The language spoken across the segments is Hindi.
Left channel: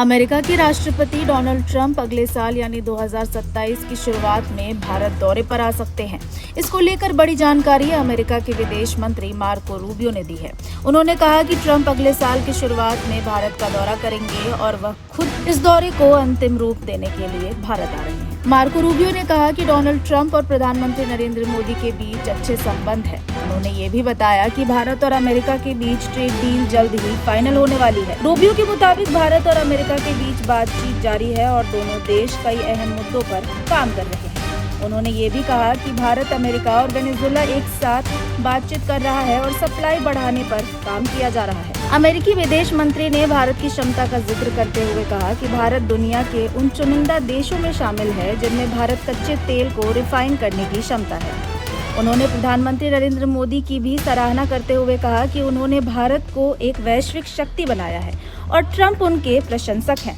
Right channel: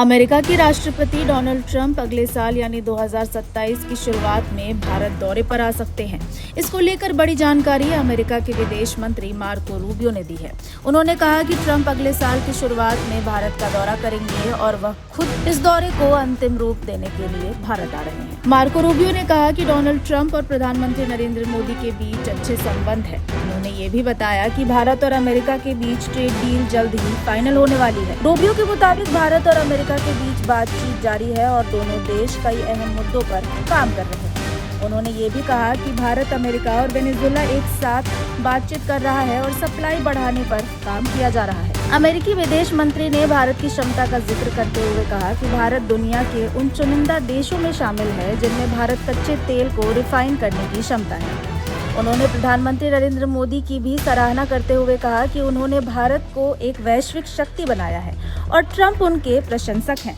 अमेरिका के राष्ट्रपति डोनाल्ड ट्रंप अगले साल यानी 2027 की शुरुआत में भारत दौरे पर आ सकते हैं। इसको लेकर बड़ी जानकारी अमेरिका के विदेश मंत्री मार्को रूबियो ने दी है। उन्होंने कहा कि ट्रंप अगले साल की शुरुआत में भारत का दौरा करेंगे और वह खुद इस दौरे को अंतिम रूप देने के लिए भारत आ रहे हैं। मार्को रूबियो ने कहा कि डोनाल्ड ट्रंप और प्रधानमंत्री नरेंद्र मोदी के बीच अच्छे संबंध है। उन्होंने ये भी बताया कि भारत और अमेरिका के बीच ट्रेड डील जल्द ही फाइनल होने वाली है। रूबियो के मुताबिक भारत और अमेरिका के बीच बातचीत जारी है और दोनों देश कई अहम मुद्दों पर काम कर रहे हैं। उन्होंने ये भी कहा कि भारत, अमेरिका और वेनेजुएला एक साथ बातचीत कर रहा है और सप्लाई बढ़ाने पर काम किया जा रहा है। अमेरिकी विदेश मंत्री ने भारत की क्षमता का जिक्र करते हुए कहा कि भारत दुनिया के उन चुनिंदा देशों में शामिल है जिनमें भारत कच्चे तेल को रिफाइन करने की क्षमता है। उन्होंने प्रधानमंत्री नरेंद्र मोदी की भी सराहना करते हुए कहा कि उन्होंने भारत को एक वैश्विक शक्ति बनाया है और ट्रंप उनके प्रशंसक हैं।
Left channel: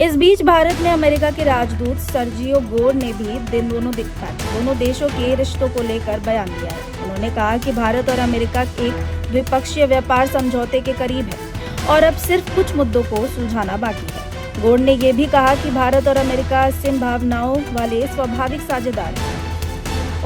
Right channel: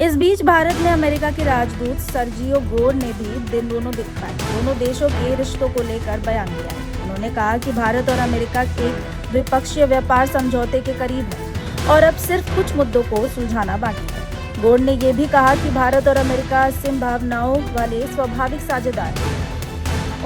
इस बीच भारत में अमेरिका के राजदूत सर्जियो गोर ने भी दोनों देशों के रिश्तों को लेकर बयान दिया है। उन्होंने कहा कि भारत और अमेरिका एक द्विपक्षीय व्यापार समझौते के करीब है और अब सिर्फ कुछ मुद्दों को सुलझाना बाकी है। गोर ने यह भी कहा कि भारत और अमेरिका असीम भावनाओं वाले स्वाभाविक साझेदार हैं।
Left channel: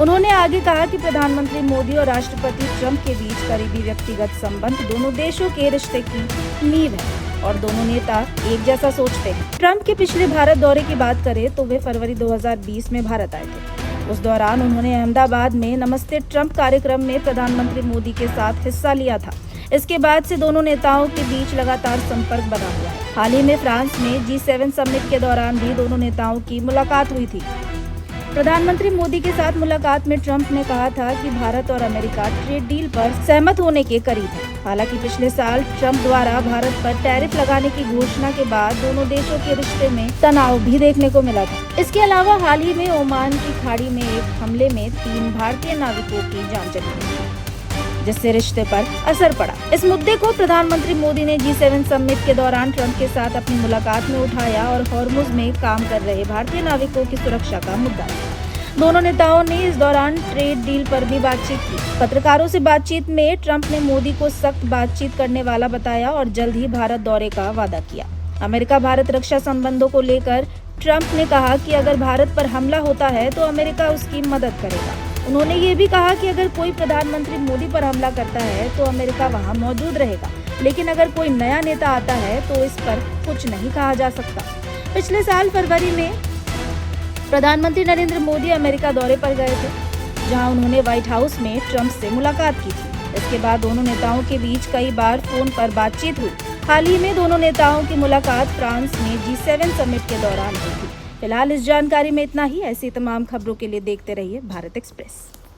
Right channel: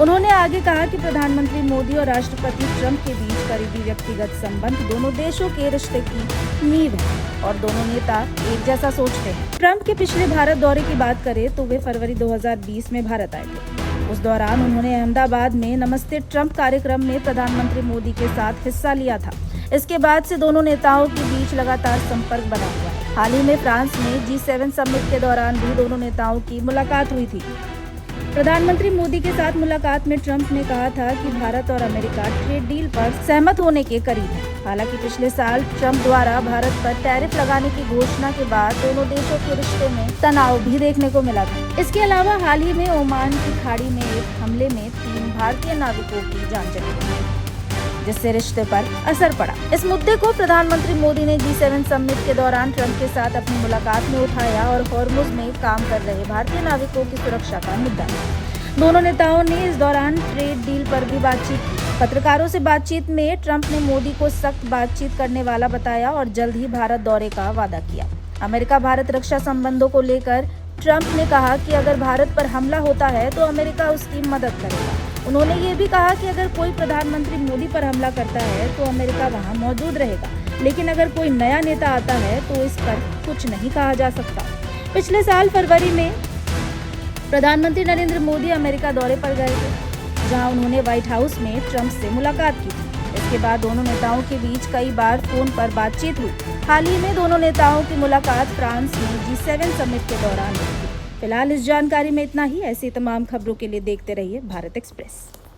उन्होंने आगे कहा कि प्रधानमंत्री मोदी और राष्ट्रपति ट्रंप के बीच करीबी व्यक्तिगत संबंध दोनों देशों के रिश्ते की नींव है और दोनों नेता एक जैसा सोचते हैं। ट्रंप के पिछले भारत दौरे की बात करें तो वे फरवरी 2020 में भारत आए थे। उस दौरान उन्होंने अहमदाबाद में नमस्ते ट्रंप कार्यक्रम में प्रधानमंत्री मोदी के साथ हिस्सा लिया था। इसके बाद से दोनों नेताओं के बीच लगातार संपर्क बना हुआ है। हाल ही में फ्रांस में G7 समिट के दौरान भी दोनों नेताओं की मुलाकात हुई थी। प्रधानमंत्री मोदी के साथ मुलाकात में ट्रंप ने कहा था कि भारत और अमेरिका ट्रेड डील पर सहमत होने के करीब है। हालांकि पिछले साल ट्रंप द्वारा भारत पर टैरिफ लगाने की घोषणा के बाद दोनों देशों के रिश्ते में तनाव भी देखने को मिला था। इसके अलावा हाल ही में ओमान की खाड़ी में एक हमले में 3 भारतीय नाविकों की जान चली गई, जिससे रिश्ते पर असर पड़ा। इस मुद्दे को प्रधानमंत्री मोदी ने G7 समिट के दौरान ट्रंप के साथ अपनी मुलाकात में उठाया और हॉर्मुज में काम कर रहे भारतीय नाविकों की सुरक्षा का मुद्दा था। दोनों नेताओं ने इस दौरान ट्रेड डील पर भी बातचीत की। पत्रकारों से बातचीत में ट्रंप ने मोदी को सख्त बातचीत करने वाला बताया और जल्द ही भारत दौरे का वादा किया। अमेरिका भारत रक्षा संबंधों को लेकर ट्रंप ने कहा कि अगर भारत पर हमला होता है तो अमेरिका उसकी मदद करेगा। उन्होंने ये भी कहा कि अगर कोई प्रधानमंत्री मोदी पर हमला करता है तो अमेरिका वहां मौजूद रहेगा, लेकिन अगर कोई नया नेता आता है तो इस पर कुछ नहीं कहा जा सकता। पिछले साल फरवरी में प्रधानमंत्री नरेंद्र मोदी अमेरिका दौरे पर गए थे, जहां उन्होंने व्हाइट हाउस में ट्रंप से मुलाकात की थी। इसके बाद दोनों नेताओं के बीच कई बार फोन पर बातचीत हुई। हाल ही में दोनों नेताओं की मुलाकात फ्रांस में G7 समिट के दौरान हुई थी। फिलहाल इस जानकारी में इतना ही। ऐसी तमाम खबरों के लिए देखते रहिए भारत एक्सप्रेस।